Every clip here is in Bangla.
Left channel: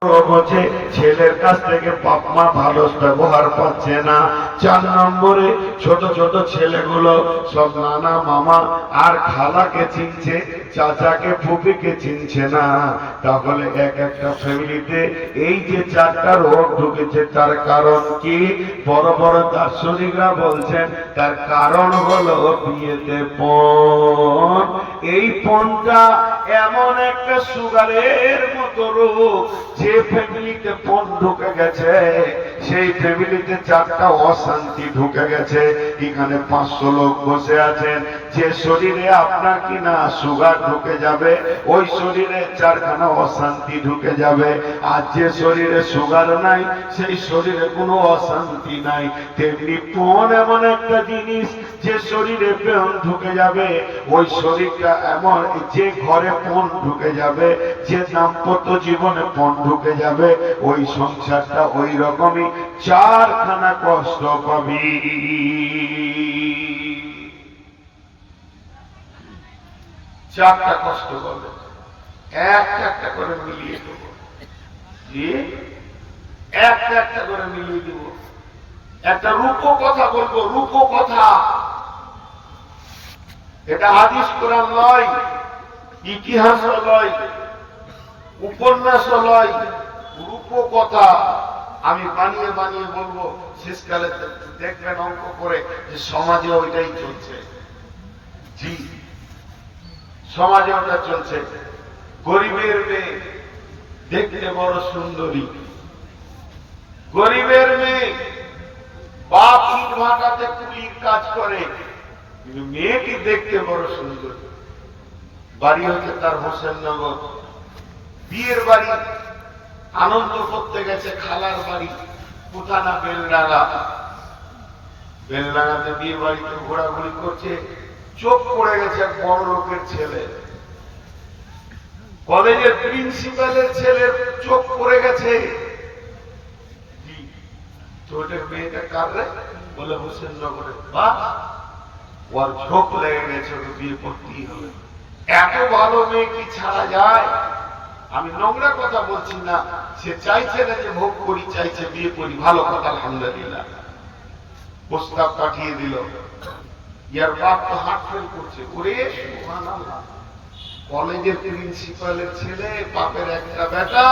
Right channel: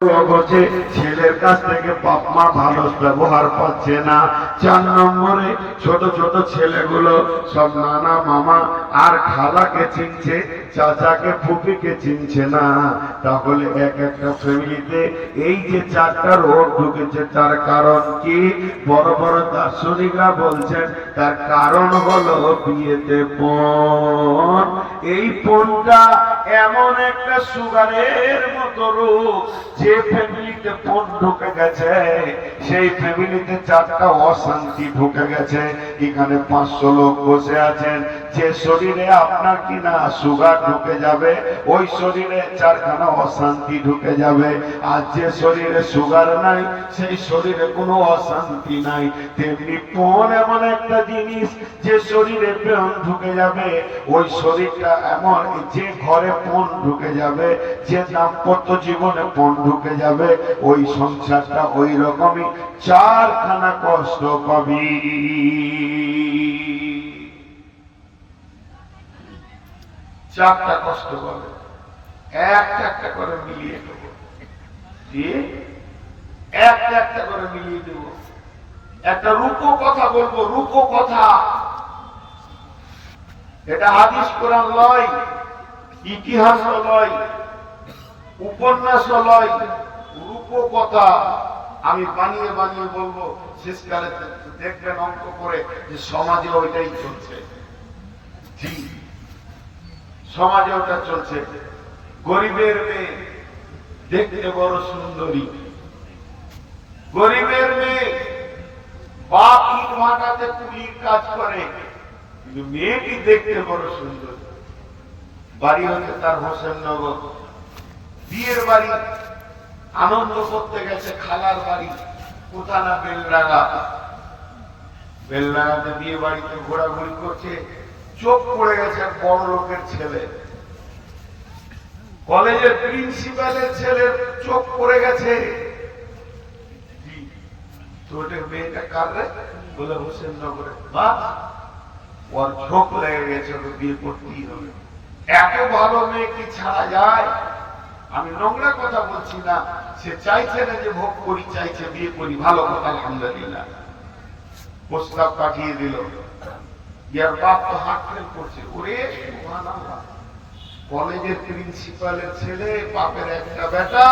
হচ্ছে ছেলের কাছ থেকে বাপ মা ভালো ব্যবহার পাচ্ছে না। 4 নম্বরে ছোট ছোট ছেলেগুলো সব নানা মামা আর খালাকে চিনছে, চাচাকে ফুপিকে চিনছে না। তাহলে এক একটা ফ্যামিলিতে এই যে 4টা রোগ ঢুকেছে, তার কারণ কি? বড় বড় দার্শনিকরা বলছেন তার কারণ হলো বিয়েতে পণ। এই পণটা এমন একটা সুগারের মতো রোগ, যে ফ্যামিলিতে পণ ঢুকে গেছে সেই ফ্যামিলিতে 4টা অশান্তি ঢুকে গেছে। এখানে 500 লোক বসে আছেন, যে শরীরে আপনার কিনা সুগার ঢুকে যাবে ওই শরীরে 4খানা অশান্তি ঢুকে যাবে, আর যে শরীরে সুগার নাই সেই শরীরে কোনো অশান্তি নাই। তেমনি পণ এমন একটা জিনিস, যে শরীরে পণ ঢুকে যাবে ওই শরীরটা এমন, যে ঘরে পণ ঢুকে যাবে, যে দাম্পত্য জীবনে পণ ঢুকে যাবে ওই সংসারটা ওই রকমই 4খানা কষ্ট পাবি। 4টা কষ্ট পাবে, একটা একটা করে মিলিয়ে দেব, দিয়ে একটা একটা করে মিলিয়ে দেব। একটা রূপক কথা বলবো, রূপক কথা। এটা হাদিস কোরআন নয়, ইতিহাস নয়, উপন্যাস নয়, রূপক কথা। আমি বানিয়ে বানিয়ে বলবো, শেষকালে দেখবেন অঙ্ক করে যে সমাজে ওইটাই চলছে। জি, সমাজে ওটা চলছে। গরিবের মেয়ে দেখতে বড় সুন্দরী, গরিবের মেয়ে বাপ ইট ভাটাতে কুলির কাজ করে, কিন্তু মেয়েটি দেখতে বড় সুন্দর। বাড়ি হচ্ছে তার হোসেননগর, বিয়ের বাড়ি আনন্দ করতে গেছে খালার বাড়ি পুতানা বেলডাঙ্গা। বেলডাঙ্গাতে বিয়ে বাড়িতে ঘোরাঘুরি করছে, চোখ পড়ে গেছে এক বড় লোকের ছেলে, কলেজের প্রিন্সিপালের ছেলের চোখ পড়ে গেছে। তো ওটা মেয়েটা কার রে বলে হোসেননগরে। বাস ওর ঝোঁক লেগে গেছে, ওকে বিয়ে করতেই হবে। এত ভালো মেয়ে কি ছাড়া যায়? আমি নোংরা কথা বলছি না, সে চাইছে না যে ভোগ করি, চাইছে বিয়ে করি। ভালো কথা, আলহামদুলিল্লাহ। প্রস্তাব পাঠিয়ে দিল, ইয়ার বাপ তো হার্ট ফেল করছে। ওরে সুবহানাল্লাহ, কলেজের প্রিন্সিপালের ছেলে, বাপের একটা বেটা,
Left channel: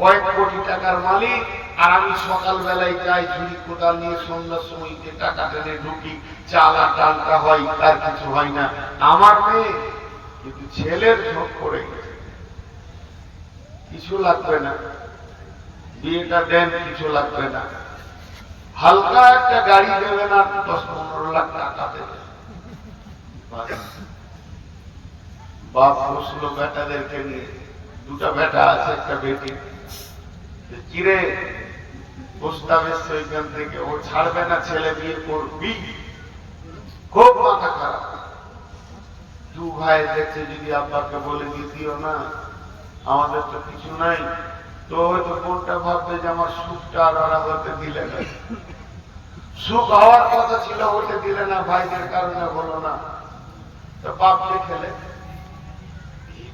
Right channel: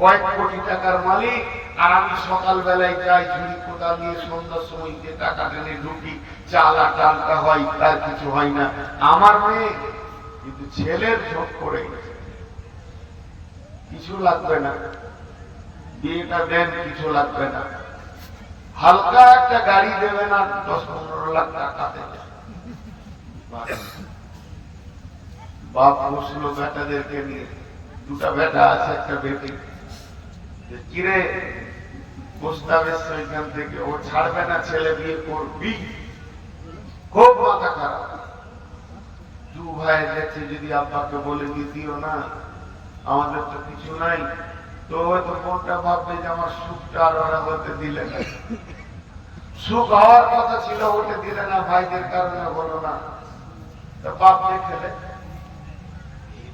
কয়েক কোটি টাকার মালিক, আর আমি সকালবেলায় যাই ঝুড়ি কোদাল নিয়ে, সন্ধ্যার সময় যে টাকা টেনে ঢুকি, চাল আর ডালটা হয়, তার কিছু হয় না। আমার মেয়ে কিন্তু ছেলের ঝোঁক পড়ে গেছে, কিছু লাগবে না, বিয়েটা দেন, কিছু লাগবে না, হালকা একটা গাড়ি দেবে না, 10-15 লাখ টাকা দেবে। বাপ বসলো বেটাদেরকে নিয়ে, 2টা বেটা আছে, একটা বেটি। কিরে প্রস্তাব এসছে ওইখান থেকে, ও ছাড়বে না, ছেলে বিয়ে করবি। খুব মাথা খারাপ। 2 ভাই দেখছে, যদি আব্বাকে বলে দিও না, আমাদের তো কিছু নাই, তো হয়তো বোনটা ভাববে যে আমার সুখটা আর ওরা হতে দিলে না, সুখ হওয়ার কথা ছিল হতে দিলে না, ভাইদের কারণে হলো না। তো বাপ দেখলে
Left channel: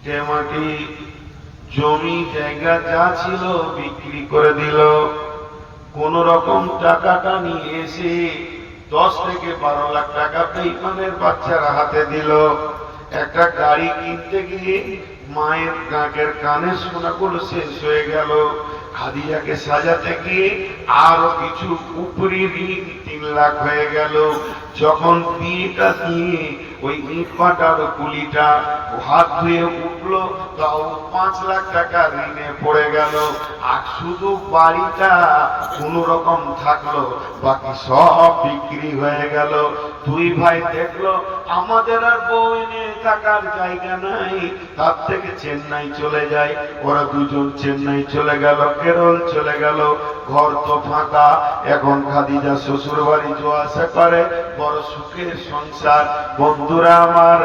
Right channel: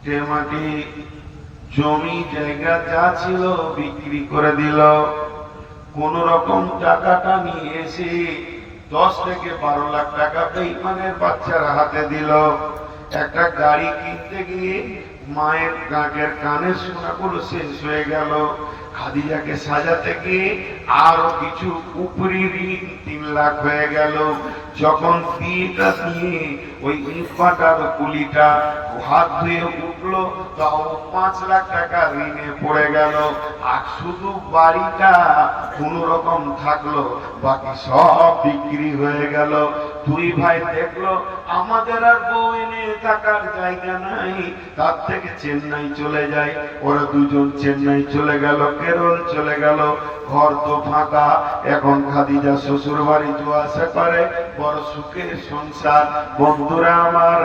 যেমনি জমি জায়গা যা ছিল বিক্রি করে দিল, কোন রকম টাকাটা নিয়ে এসে 10 থেকে 12 লাখ টাকা বেঈমানের বাচ্চারা হাতে দিল। একটা গাড়ি কিনতে গিয়ে মায়ের নাকের কানের সোনাগুলো শেষ হয়ে গেল। খাদিজাকে সাজাতে গিয়ে আরো কিছু উপরি ঋণ 3 লাখ হয়ে গেল। যখন বিয়েটা দিয়ে ওই ইটভাটার কুলিটা হাত ধুয়ে উঠলো, তাও 5 লাখ টাকা ঋণে পড়ে গেল। আর শুধু বাড়িটা কোন রকম থাকলো, বাকি সব বিক্রি হয়ে গেল। 2 ভাই দেখলো আমাদের আর বউ এনে থাকার জায়গা নাই, তার থেকে চেন্নাই চলে যায়। ওরা দুজন চেন্নাই চলে গেল, কেরল চলে গেল। ঘর তো ফাঁকা। এখন খাদিজা শ্বশুর বাড়ি যাওয়া আসা করে, বড় সুখের সংসার। বন্ধুরা আমার,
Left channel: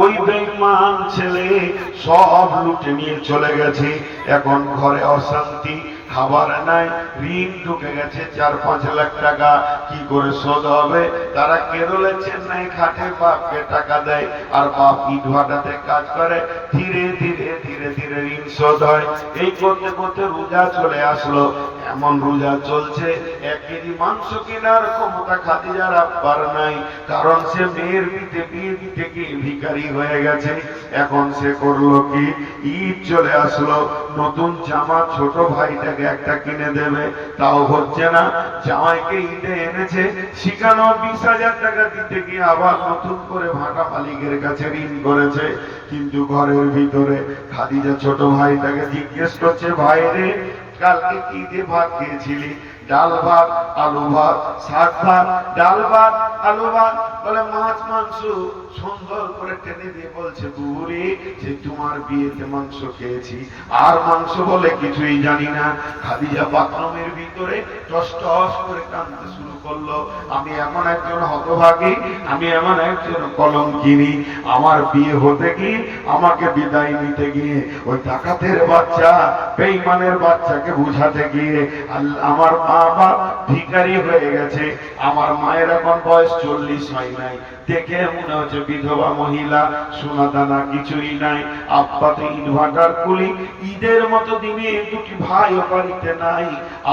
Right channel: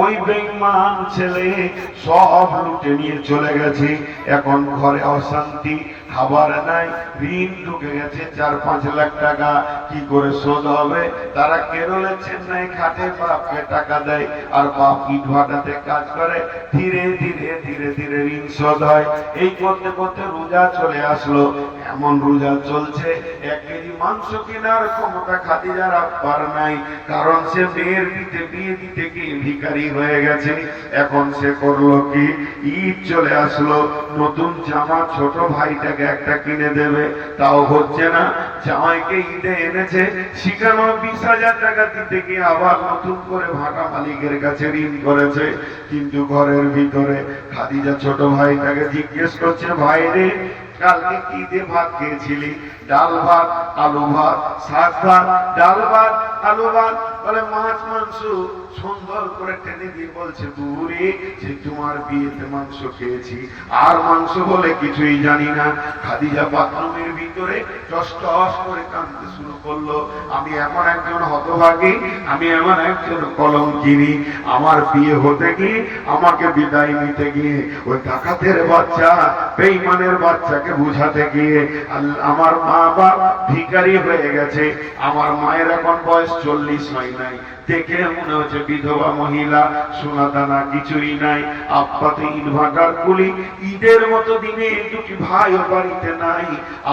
ওই বেঈমান ছেলে সব লুটে নিয়ে চলে গেছে। এখন ঘরে অশান্তি, খাবার নাই, ঋণ ঢুকে গেছে 4-5 লাখ টাকা। কি করে শোধ হবে? তারা কেরলে চেন্নাই খাটে, বাপকে টাকা দেয়, আর বাপ ইট ভাটাতে কাজ করে। ধীরে ধীরে ধীরে ধীরে ঋণ শোধ হয়। এই করতে করতে রোজা চলে আসলো। এমন রোজা চলছে, 1 কেজি মাংস কেনার ক্ষমতা খাদিজার আব্বার নাই, কারণ সে মেয়ের বিয়ে দিতে গিয়ে ভিখারি হয়ে গেছে। এখন সে করলো কি, ঈদ চলে আসলো, নতুন জামা ছোট ভাইটাকে একটা কিনে দেবে, তাও হচ্ছে না। জামাইকে ঈদে এনেছে, শিখানো 20,000 টাকা দিতে গিয়ে আবার নতুন করে ভাটা মালিকের কাছে ঋণ করেছে। কিন্তু ঘরের ভিতরে খাদিজা ছোট ভাইটাকে জিজ্ঞেস করছে, ভাই রে, কালকে কি দিয়ে ভাত খেয়েছিলি? ডাল ভাত, আলু ভাত, শাক ভাত, ডাল ভাত, আলু ভাত। বলে মাছ মাংস। সুন্দর করে টেনে দিয়ে বলছে, বুড়ি, যে তোমার বিয়েতে মাংস খেয়েছি, আর মাংস বলে কিছুই জানি না। খাদিজা বাথরুমের ভিতরে টস টস করে কাঁদতে শুরু করলো। আমি এমন একজন হতভাগী, আমি এমন একজন কলঙ্কিনী। আমার বিয়ে হতে গিয়ে, আমাকে বিদায় নিতে গিয়ে, ওই ডাকাতের বাচ্চা, বেঈমানের বাচ্চাকে বুঝাতে গিয়ে আমার মা বাপ ভিখারি হয়ে গেছে। আমার মায়ের এখন বয়স 40 হয় নাই, দেখে মনে হচ্ছে বিধবা মহিলা, সোনা দানা কিছুই নাই। আব্বাতে ইনভার্টার কুলি, ঈদের মতো দিনে দুটি ভাইও বাড়িতে নাই।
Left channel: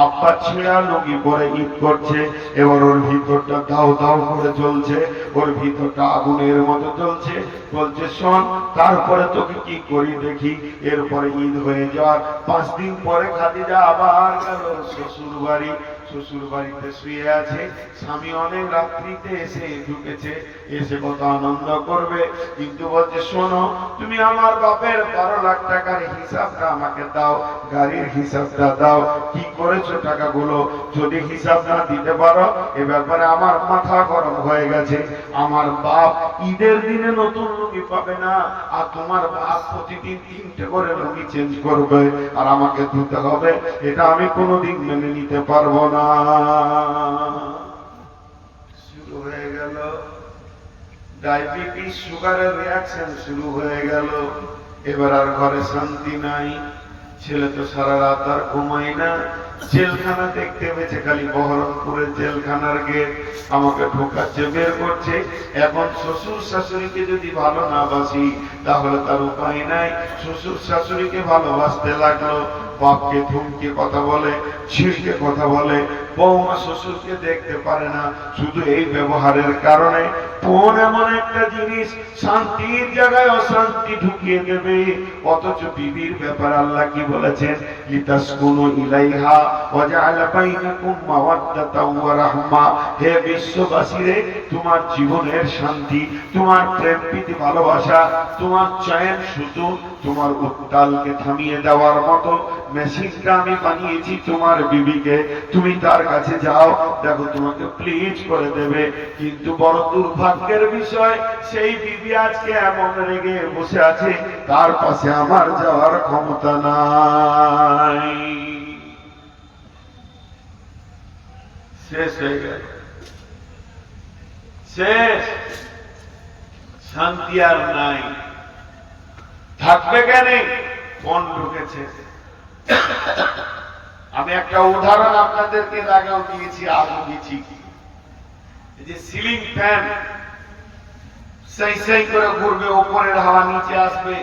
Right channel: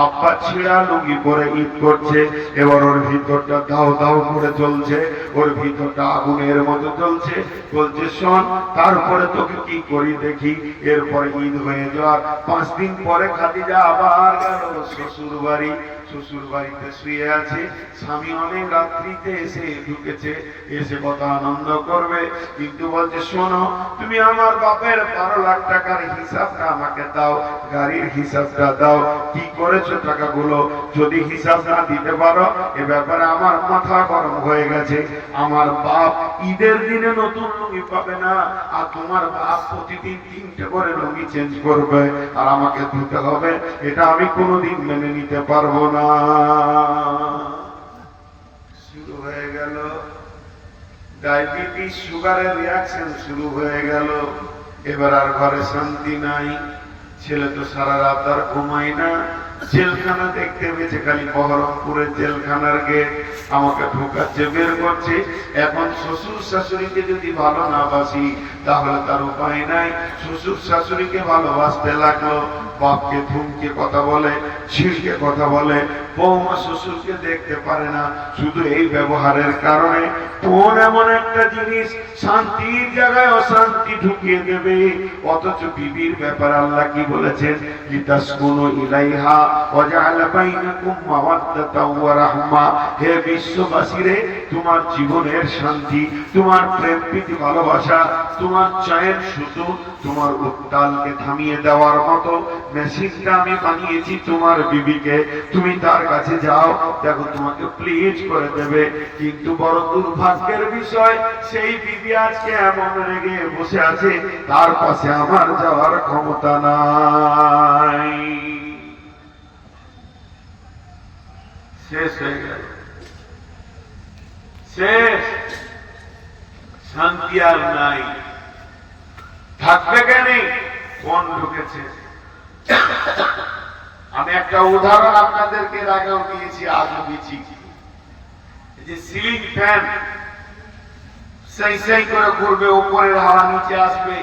আব্বা ছেঁড়া লুঙ্গি পরে ঈদ করছে। এবার ওর ভিতরটা দাও দাও করে চলছে, ওর ভিতরটা আগুনের মতো চলছে। বলছে, শোন, তারপরে তোকে কি করি দেখি। এরপরে ঈদ হয়ে যাওয়ার 5 দিন পরে খাদিজা আবার গেল শ্বশুর বাড়ি। শ্বশুর বাড়িতে শুয়ে আছে, স্বামী অনেক রাত্রিতে এসে ঢুকেছে, এসে কত আনন্দ করবে। কিন্তু বলছে, শোনো, তুমি আমার বাপের 12 লাখ টাকার হিসাবটা আমাকে দাও, গাড়ির হিসাবটা দাও, কি করেছো টাকাগুলো। যদি হিসাব না দিতে পারো, এ ব্যাপারে আমার মাথা গরম হয়ে গেছে। আমার বাপ ঈদের দিনে নতুন লুঙ্গি পাবে না, আর তোমার বাপ প্রতিদিন 3টে করে লুঙ্গি চেঞ্জ করবে, আর আমাকে ধুতে হবে। এটা আমি কোনোদিন মেনে নিতে পারবো না। শুরু হয়ে গেল ডায়াবেটিস, সুগারের রিয়াকশন শুরু হয়ে গেল। এবার আর ঘরে শান্তি নাই। ছেলে তো সারা রাত আর ঘুমায় না। জেলখানা দেখতে পেয়েছে, খালি বহরমপুরের জেলখানার গেট, আমাকে ঢোকাচ্ছে, বের করছে। এখন শ্বশুর শাশুড়িকে যদি ভালো না বাসি, তাহলে তার উপায় নাই। শ্বশুর শাশুড়িকে ভালোবাসতে লাগলো। বাপকে ধুমকে কথা বলে, ছিড়কে কথা বলে। বৌমা শ্বশুরকে দেখতে পারে না, শুধু এই ব্যবহারের কারণে। কোন এমন একটা জিনিস শান্তির জায়গায় অশান্তি ঢুকিয়ে দেবে। অথচ বিবির ব্যাপারে আল্লাহ কি বলেছেন? লিতাসকুনু ইলাইহা ওয়া জাআলা বাইনাকুম মাওয়াদ্দাতাও ওয়া রাহমা। হে বিশ্ববাসীরে, তোমার জীবনের শান্তি, তোমার প্রেম প্রীতি ভালোবাসা, তোমার চায়ের সুতো, তোমার উত্তালকে থামিয়ে দেওয়ার মতো মেশিনটা আমি বানিয়েছি তোমার বিবিকে। তুমি তার কাছে যাও, দেখো তোমাকে প্লিজ করে দেবে। কিন্তু বড় দুর্ভাগ্যের বিষয়, সেই বিবি আজকে এমন রেগে বসে আছে, তার পাশে আমার যাওয়ার ক্ষমতা নাই। শেষ হয়ে গেল, শেষ, শান্তি আর নাই। থাকবে কেন? কোন ঢুকেছে। আমি একটা উদাহরণ আপনাদেরকে আগেও দিয়েছি, আজও দিচ্ছি। এই যে সিলিং ফ্যান সেই সেই করে ঘুরবে, উপরের হাওয়া নিচে আসবে,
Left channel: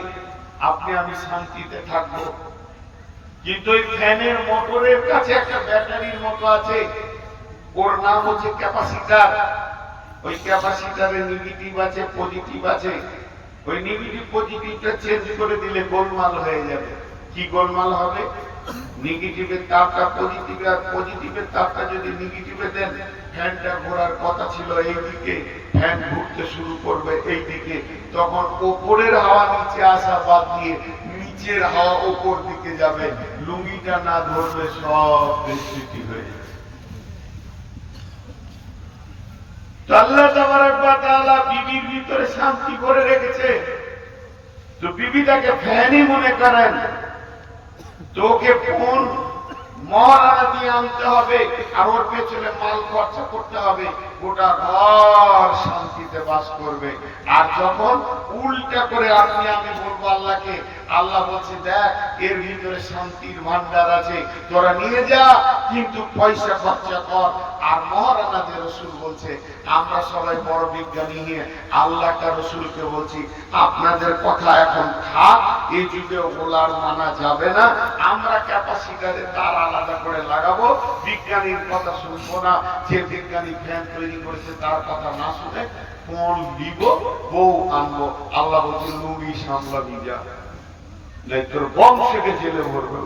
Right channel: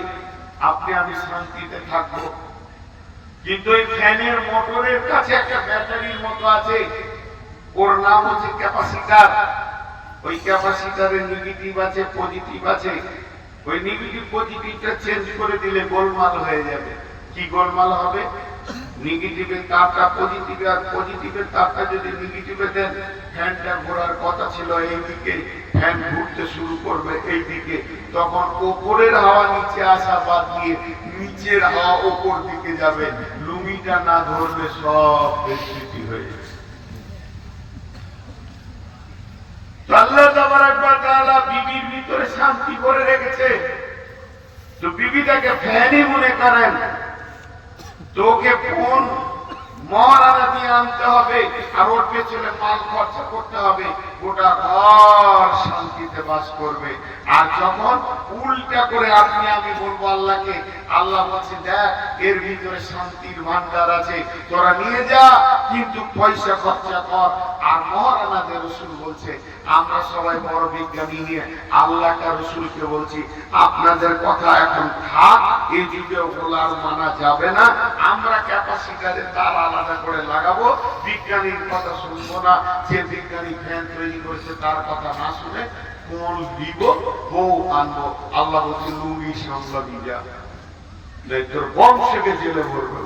আপনি আমি শান্তিতে থাকবো। কিন্তু ওই ফ্যানের মোটরের কাছে একটা ব্যাটারির মতো আছে, ওর নাম হচ্ছে ক্যাপাসিটার। ওই ক্যাপাসিটারের নেগেটিভ আছে, পজিটিভ আছে। ওই নেগেটিভ পজিটিভটা চেঞ্জ করে দিলে গোলমাল হয়ে যাবে। কি গোলমাল হবে? নেগেটিভের তারটা পজিটিভে, আর পজিটিভের তারটা যদি নেগেটিভে দেন, ফ্যানটা ঘোরার কথা ছিল এইদিকে, ফ্যান ঘুরতে শুরু করবে এইদিকে। তখন ওপরের হাওয়া নিচে আসা বাদ দিয়ে নিচের হাওয়া ওপর দিকে যাবে। লুঙ্গিটা না ধরলে সব বিস্তৃতি হয়ে যাবে। আল্লাহ তাবারক ওয়া তাআলা বিবির ভিতরে শান্তি করে রেখেছে। তো বিবিটাকে ফ্যানই মনে করেন, তোকে কোন মহারানা দিয়ে আনতে হবে, আর ওর পেছনে মাল খরচা করতে হবে, গোটা ঘর শান্তিতে বাস করবে। আর যখন উল্টা করে আপনি আমি বলবো আল্লাহকে, আল্লাহ বলছে দেখ এর ভিতরে শান্তির ভান্ডার আছে, তোরা নিয়ে যা, কিন্তু পয়সা খরচা কর। আর মহারানাদের রসুল বলছে আমরা সবাই বড় বিজ্ঞানী নিয়ে আল্লাহ কা রসুলকে বলছি আপনাদের কথা এখন থাক, এই যুগে ওলার মানা যাবে না, আমরা ক্যাপাসিটারে তার আলাদা করে লাগাবো, বিজ্ঞানীর কথা শুনবো না, যে বিজ্ঞানী ফ্যান তৈরি করেছে তার কথা না শুনে কোন দিব, বউ আনবো। আল্লাহ বলছে লুঙ্গি সামলাবি যা, তোর বংশকে জেলে ভরবে।